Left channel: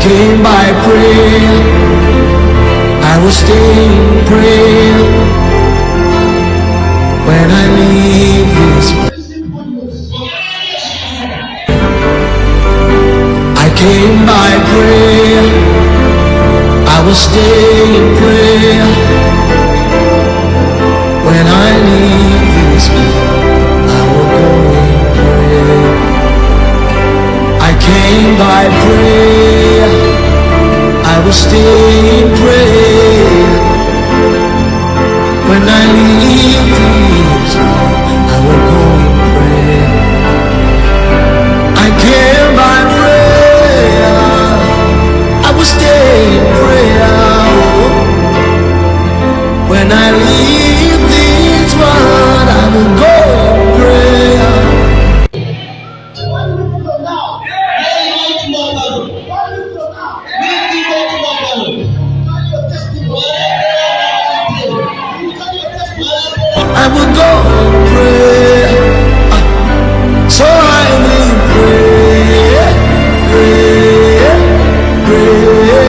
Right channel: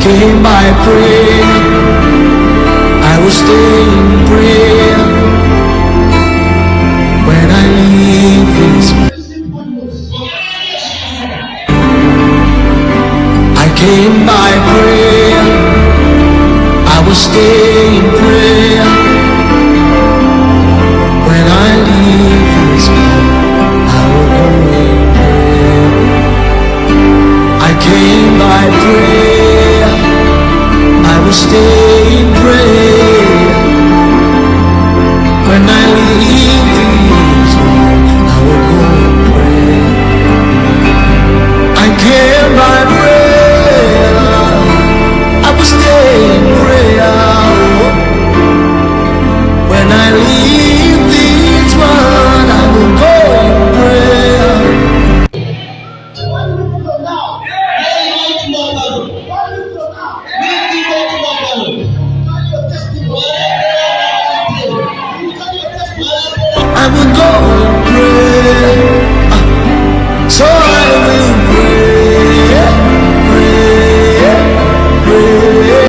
came by prayer, I will stay in prayer. When I leave this world, I came by prayer, I will stay in prayer. When I leave this world, I will go in prayer. I came by prayer, I will stay in prayer. When I leave this world, I will go in prayer. I came by prayer, I will stay in prayer. When I leave this world, I will go in prayer. I will go in prayer, so I will